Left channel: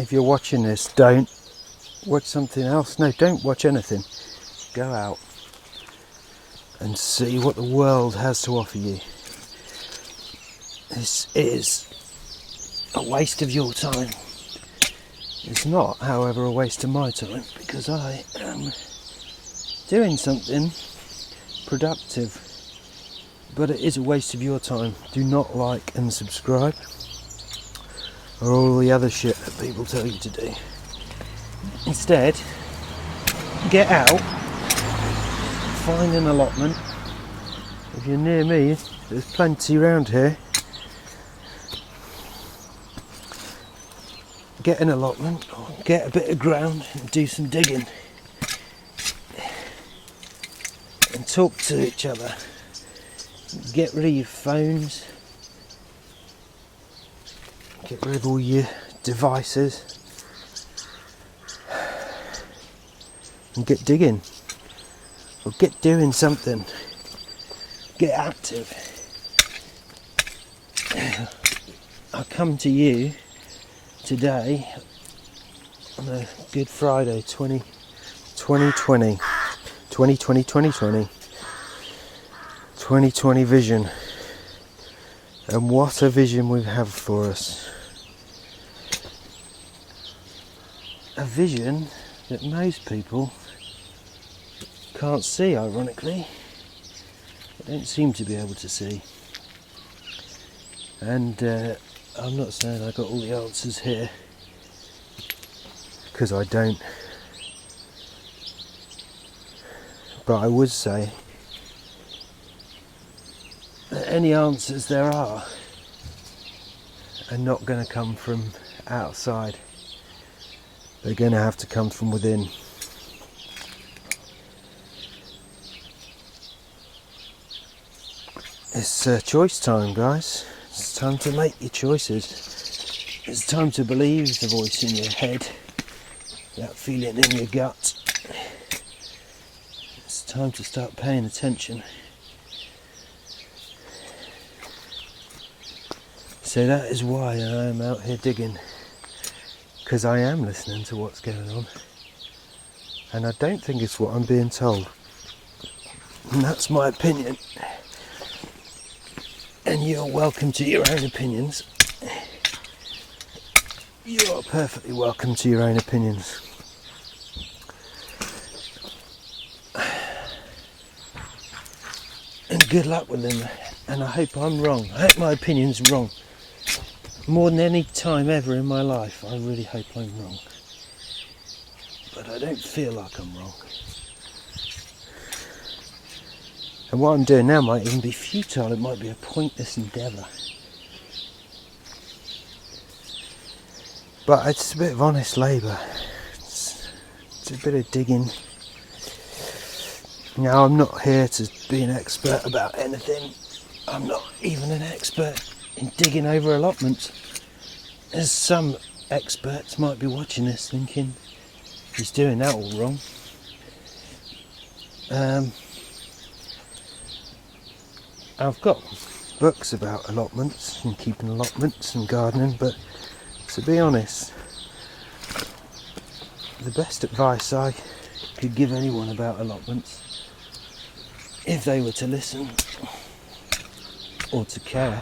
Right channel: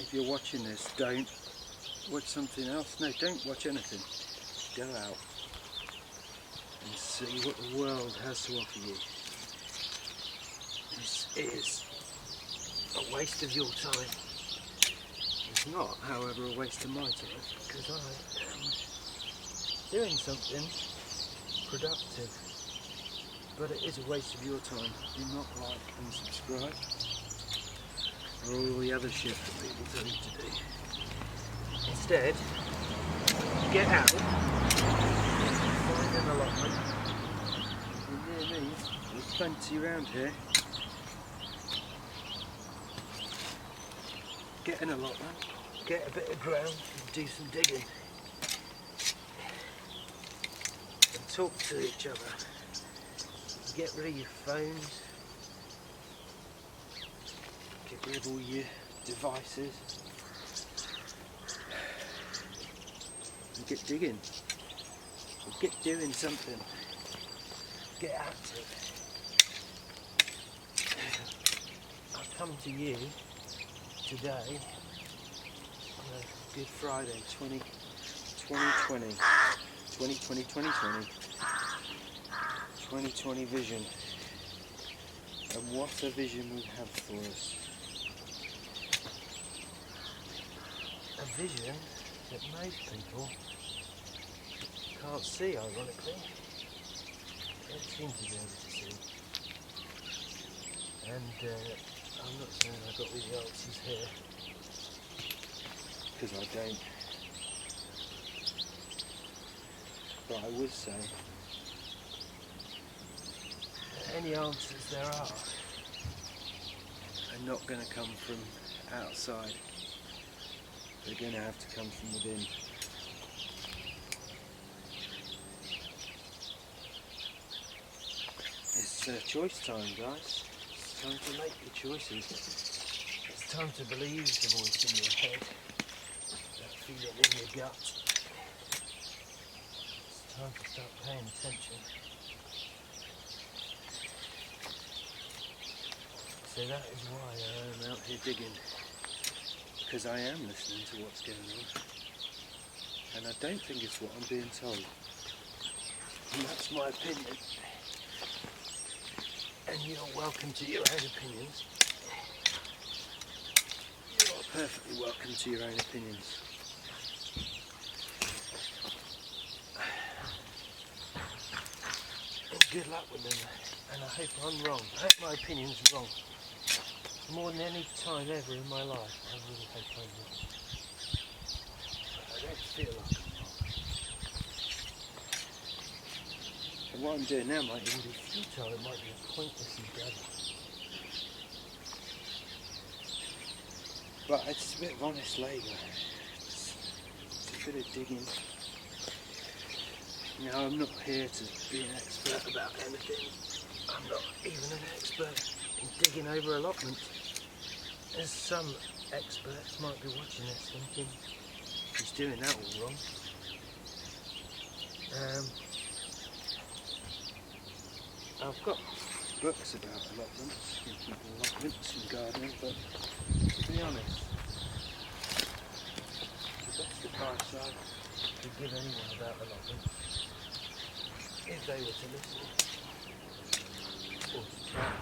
if you're watching this, don't watch something else. No, don't watch anything. Go out and see what the world has to offer you. This is a waste of your time. It's not, however, a waste of my time, because I am doing something productive. But it is a waste of your time. Do not like and subscribe, or all the other shit that people tell you to do. Instead, get out, find an allotment. If you're near me, there's plenty around here. Get an allotment, or get a bit of ground and do some digging. And talk to each other. Get rid of your phones. Get rid of all your devices. And get digging. Or get doing something. Get active. I come to you today on a Good Friday 2020 vision. And what a vision we have for us. A vision that most people can't see, ironically. They don't seem to be able to see. And I'm not saying I got all the answers here, because I don't. But I would say that any answers there are not going to come from outside. They're going to have to come from within. It's choice time, guys. It's time to make your choices. It's time to believe the voice in your head, that feeling in your gut. It's time to start paying attention. So that is why I am out here digging, because I am listening to what's going on, and I don't think it's what I'm being told, and that's my opinion, and you're welcome to your own opinions. You are perfectly welcome to your own opinions. And good luck with them, and I hope I'm wrong. I hope my opinion's wrong. More than any time ever in my life, I really hope I'm wrong. But I don't feel like I'm wrong. And what I'm doing now might even be futile. It might be a pointless endeavour. But it's a bit of honest labour. It's a bit of digging. Now, I'm not here to be an expert about anything. I'm not even an expert in digging over allotments. As some experts might be watching this thinking, he's doing that all wrong. I've got books about allotments and keeping allotments and gardening, but to be honest, the best advice I could give anyone about allotments, if they were to listen or to care,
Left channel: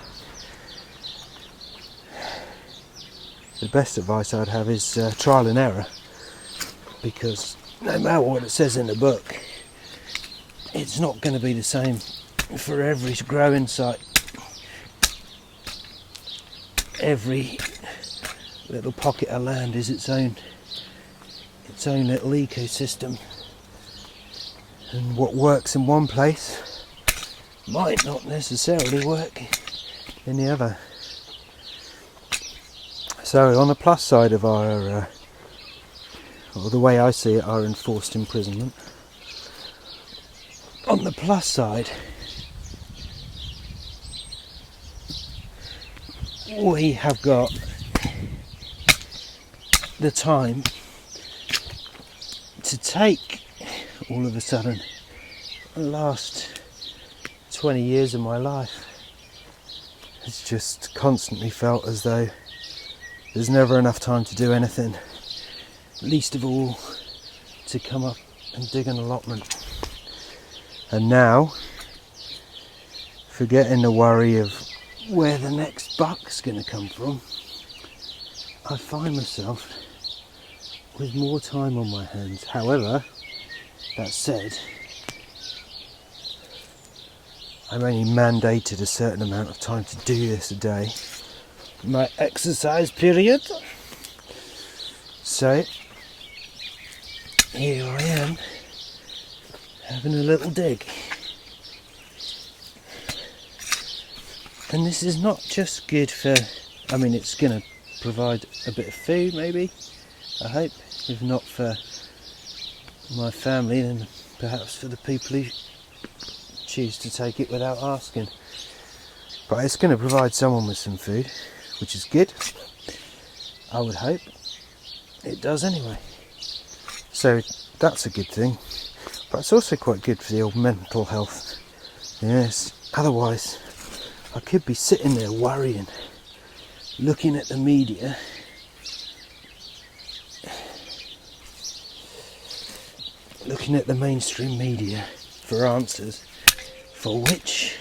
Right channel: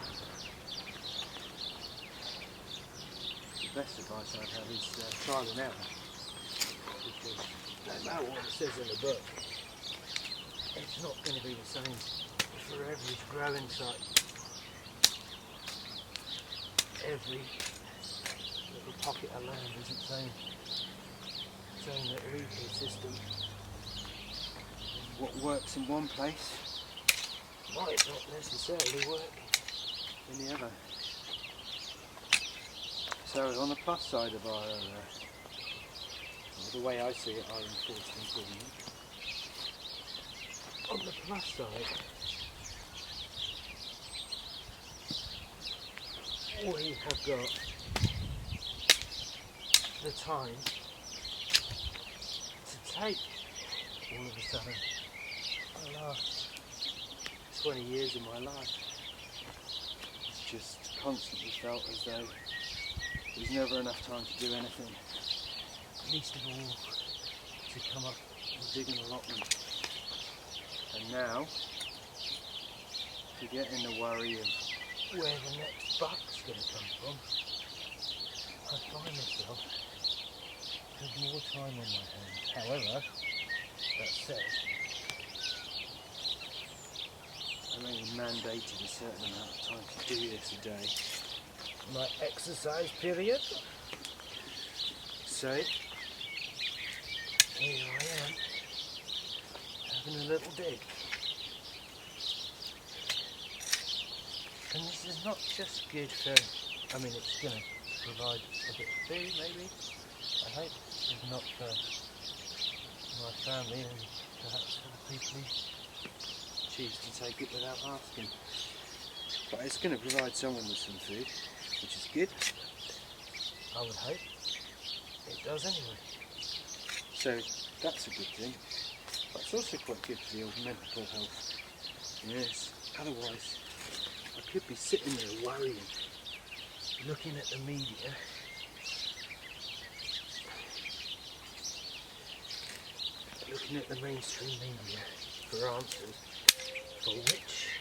the best advice I'd have is trial and error, because no matter what it says in the book, it's not going to be the same for every growing site. Every little pocket of land is its own little ecosystem, and what works in one place might not necessarily work in the other. So on the plus side of our, or the way I see it, our enforced imprisonment, on the plus side, we have got the time to take, all of a sudden, the last 20 years of my life, it's just constantly felt as though there's never enough time to do anything, least of all to come up and dig an allotment. And now, forgetting the worry of where the next buck's going to come from, I find myself with more time on my hands. However, that said, I'm only mandated a certain amount of time to do this a day, my exercise period. So here I am, having a little dig. And this is not just good for, I mean, it's going to provide a bit of food maybe, I hope. If not for my family, then perhaps for the people who choose to take it without asking. But it's going to provide someone with some food, which is good. I would hope. It does anyway. So that's a good thing. But it's also quite good for the old mental health. Yes, otherwise I could be sitting there worrying, looking at the media, looking at the mainstream media for answers, for which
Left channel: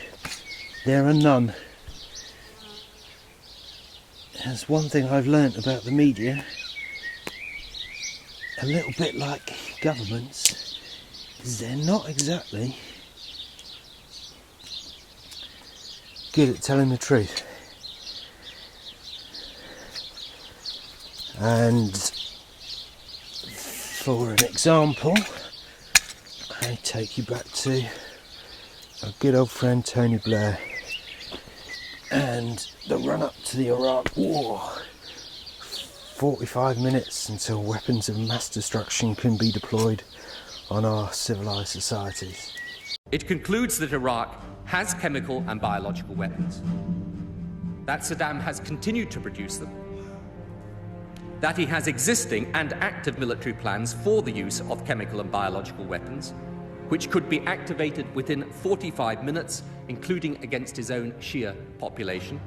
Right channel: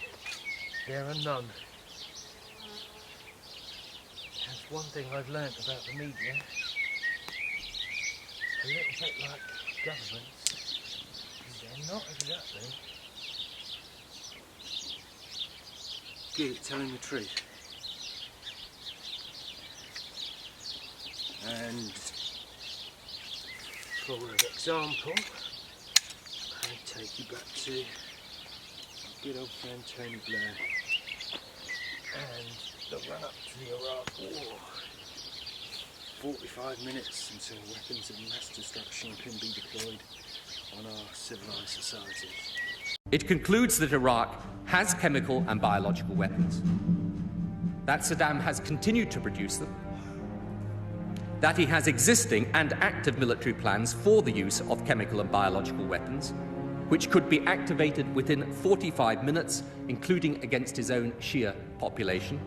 there are none. There's one thing I've learnt about the media, a little bit like governments, is they're not exactly good at telling the truth. And for an example, I take you back to our good old friend Tony Blair and the run up to the Iraq War. 45 minutes until weapons of mass destruction can be deployed on our civilized societies. It concludes that Iraq has chemical and biological weapons, that Saddam has continued to produce them, that he has existing and active military plans for the use of chemical and biological weapons, which could be activated within 45 minutes, including against his own Shia population,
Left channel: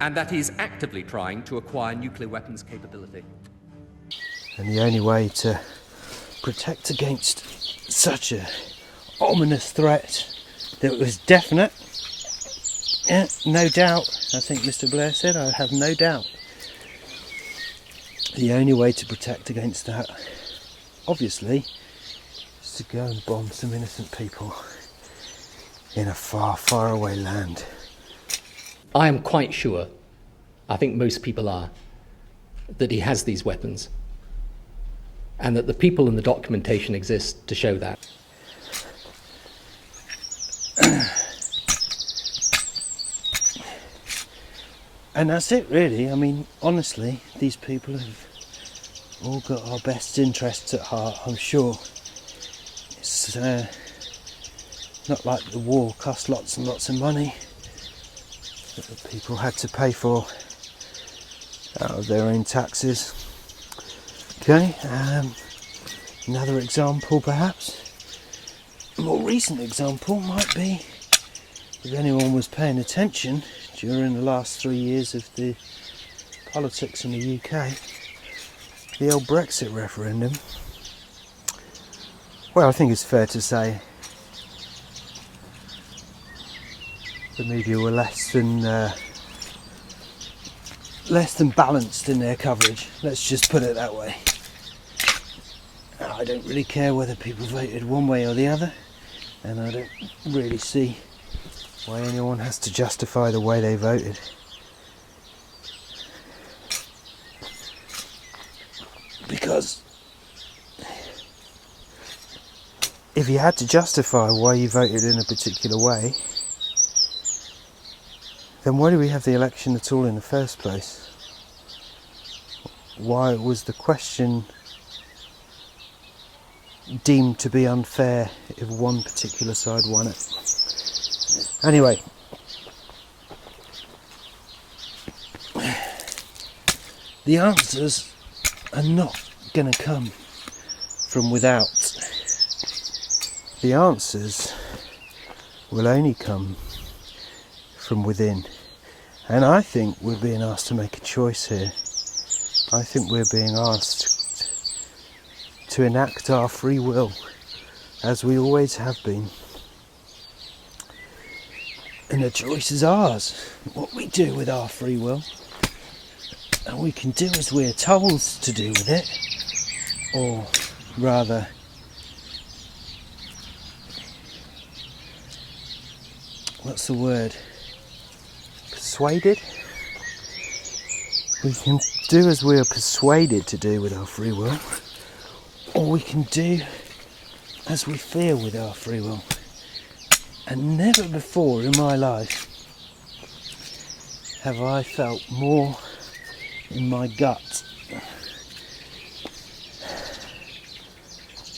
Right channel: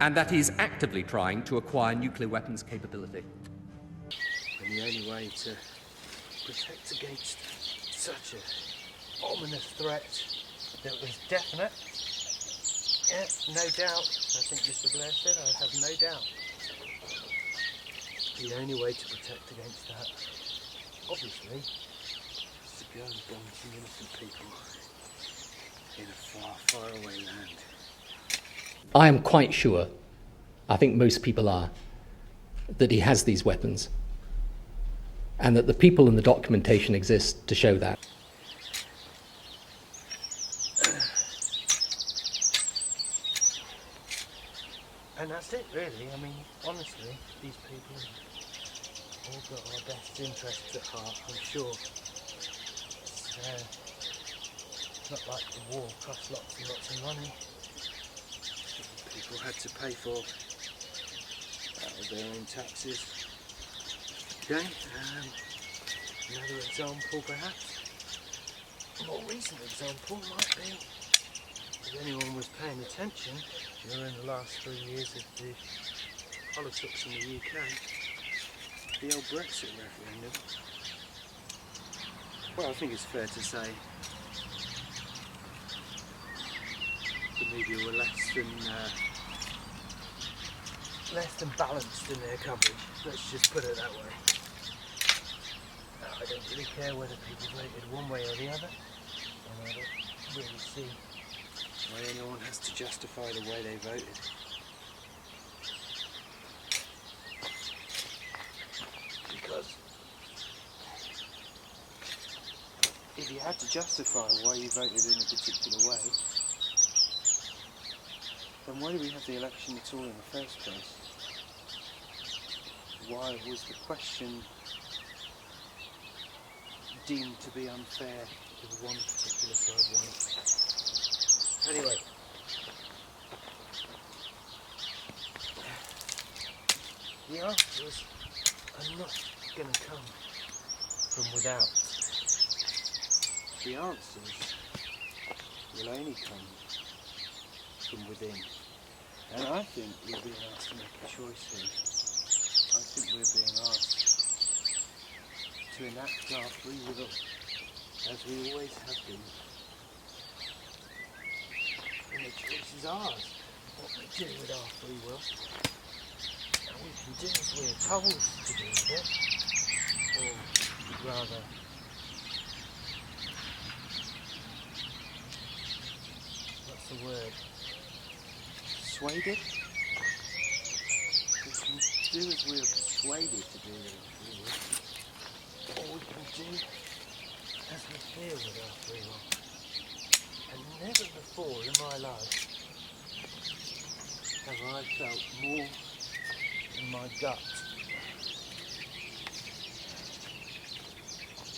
and that he is actively trying to acquire nuclear weapons capability. And the only way to protect against such a ominous threat that was definite, yeah, no doubt, I think Mr. Blair said, I have no doubt. The only way to protect against that, obviously, is to go and bomb some innocent people in a far, far away land. I am quite sure, I think most people are, that he has these weapons, and that the people in the documentation exist to show that. And that's it really. I mean, honestly, these people have all got our best interests at heart, I'm sure. It's not like the war cost lots and lots of money that the people had to pay for out of their own taxes. Okay, another example perhaps, a more recent example might be, if anyone was paying attention during the last 3 years of the politics in the UK, the old Brexit referendum. Well, I think it's fair to say the media were less than balanced in their coverage. Let's just put it that way. I don't really care whether people voted one way or the other, and I don't really see why anyone has to justify the way they voted. Because if you had to justify why you voted in a particular way, then why do we have the election at all in the first place? Why was the question deemed to be unfair if one particular side won it? Anyway, the answers are not going to come from without. The answers will only come from within. And I think we're being asked to make a choice here. I think we're being asked to enact our free will, as we always have been. And the choice is ours, what we do with our free will. And we can do as we're told to do with it, or rather, what's the word? Persuaded? We can do as we are persuaded to do with our free will, or we can do as we feel with our free will. And never before in my life have I felt more in my gut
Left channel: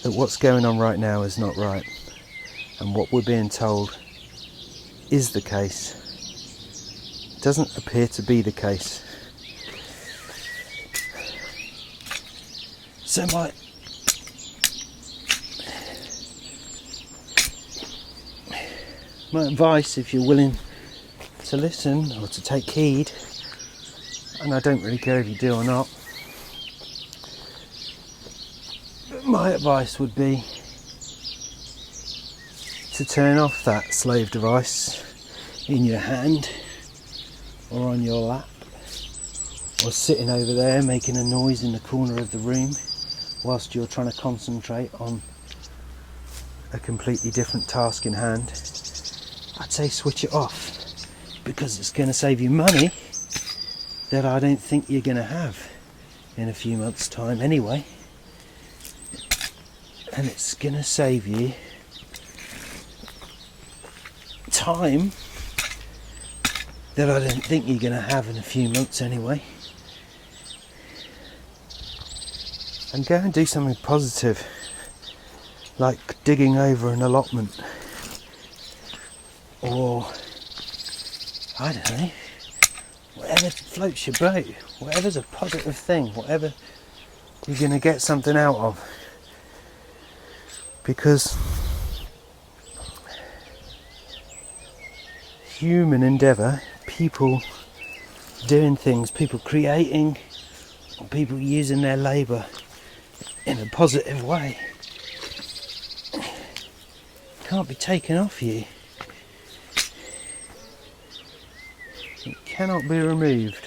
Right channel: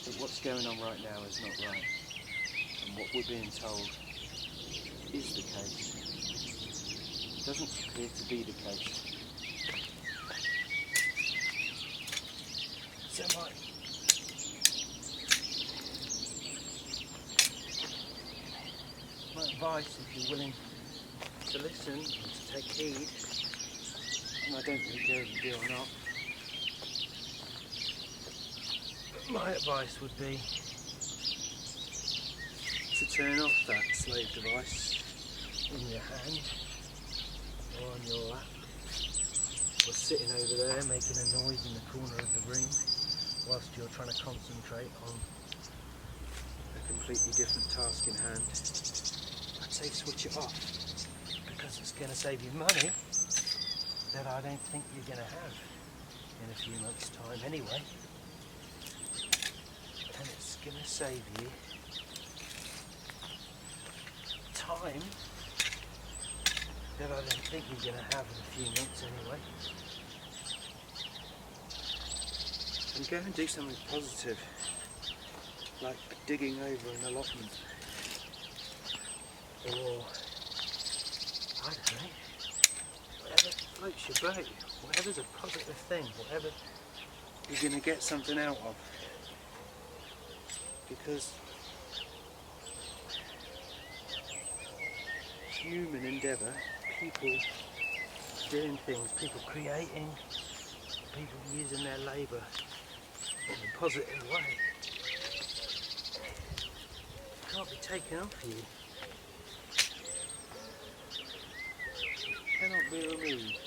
that what's going on right now is not right, and what we're being told is the case doesn't appear to be the case. So my advice, if you're willing to listen or to take heed, and I don't really care if you do or not, but my advice would be to turn off that slave device in your hand or on your lap, or sitting over there making a noise in the corner of the room whilst you're trying to concentrate on a completely different task in hand. I'd say switch it off, because it's going to save you money that I don't think you're going to have in a few months' time anyway, and it's going to save you time that I don't think you're going to have in a few months anyway. And go and do something positive, like digging over an allotment, or I don't know, whatever floats your boat, whatever's a positive thing, whatever you're going to get something out of. Because human endeavour, people doing things, people creating, or people using their labour in a positive way, can't be taken off you. It cannot be removed.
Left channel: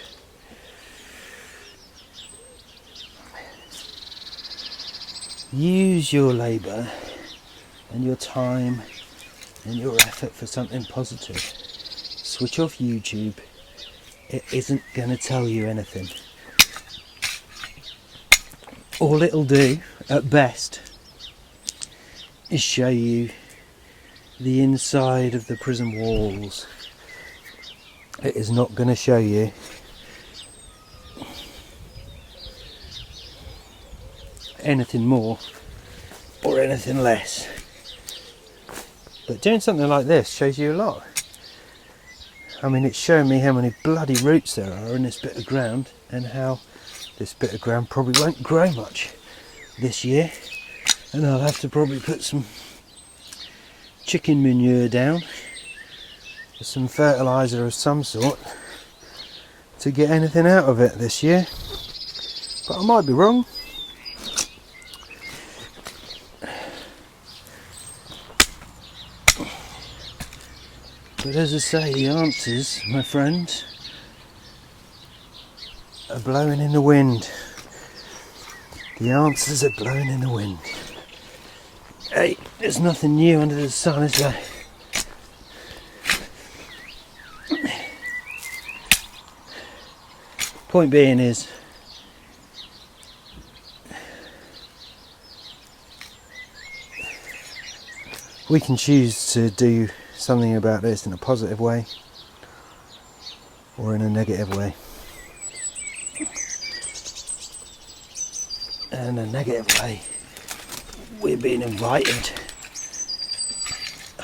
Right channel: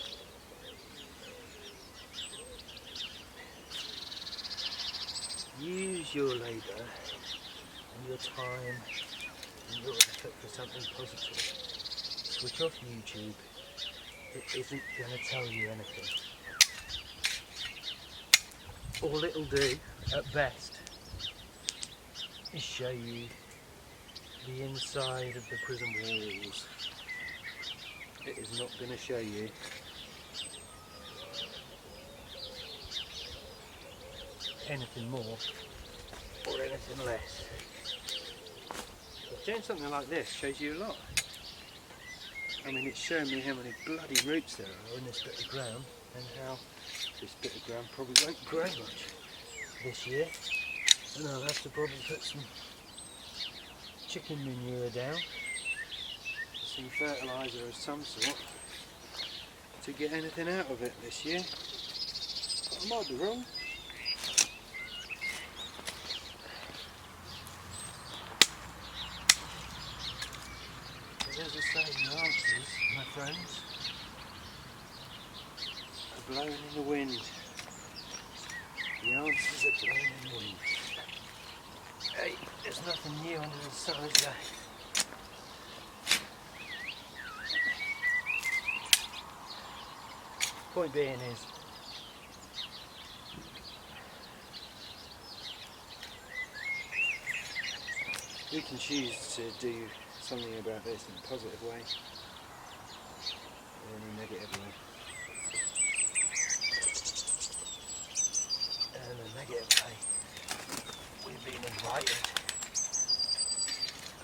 Use your labour and your time and your effort for something positive. Switch off YouTube. It isn't going to tell you anything. All it'll do, at best, is show you the inside of the prison walls. It is not going to show you anything more or anything less. But doing something like this shows you a lot. I mean, it's showing me how many bloody roots there are in this bit of ground, and how this bit of ground probably won't grow much this year, and I'll have to probably put some chicken manure down, some fertiliser of some sort, to get anything out of it this year. But I might be wrong. But as I say, the answers, my friends, are blowing in the wind. The answers are blowing in the wind. Hey, there's nothing new under the sun, is there? Point being is, we can choose to do something about this in a positive way or in a negative way. And in a negative way, we're being invited,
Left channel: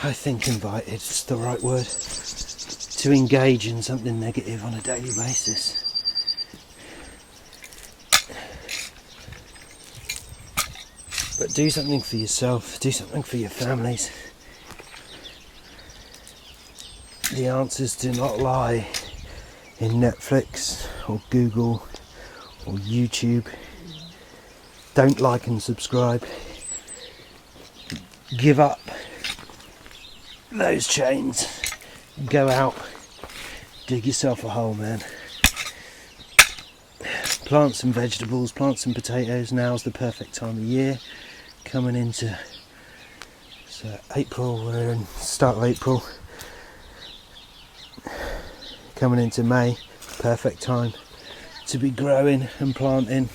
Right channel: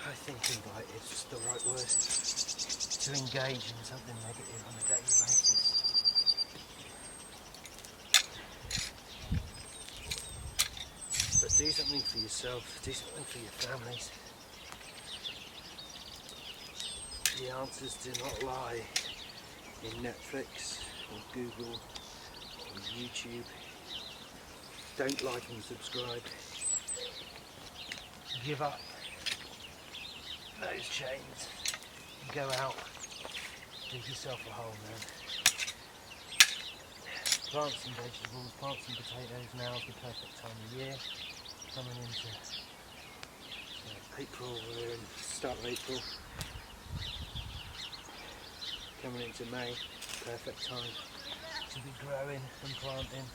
I think invited is the right word, to engage in something negative on a daily basis. But do something for yourself, do something for your families. The answers do not lie in Netflix or Google or YouTube. Don't like and subscribe. Give up those chains. Go out, dig yourself a hole, man. Plant some vegetables, plant some potatoes. Now's the perfect time of year. Coming into April, we're in start of April. Coming into May, perfect time to be growing and planting.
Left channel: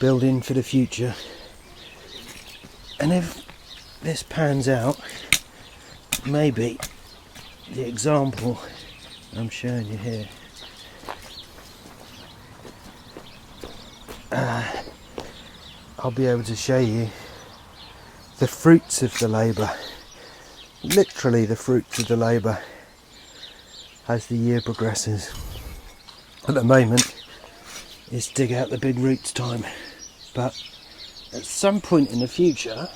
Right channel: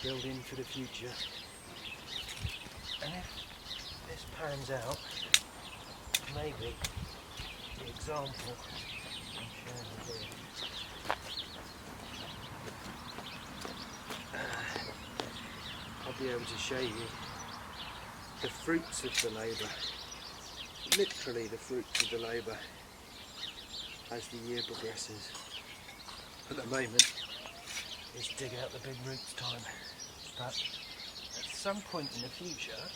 Building for the future. And if this pans out, maybe the example I'm showing you here, I'll be able to show you the fruits of the labour, literally the fruits of the labour, as the year progresses. At the moment it's dig out the big roots time, but at some point in the future,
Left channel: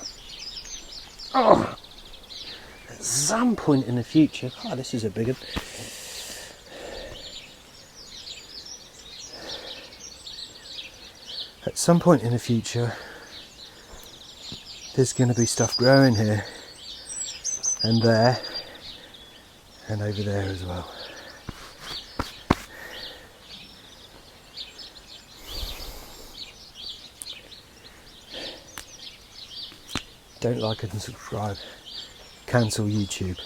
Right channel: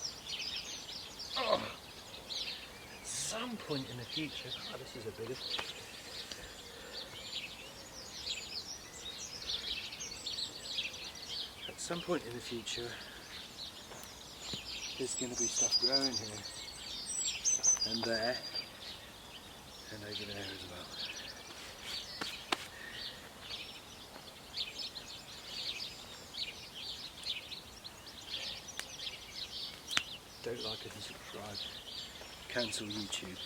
this is a big one. At some point in the future, there's going to be stuff growing here and there and over there as well. Don't like and subscribe. Cancel YouTube.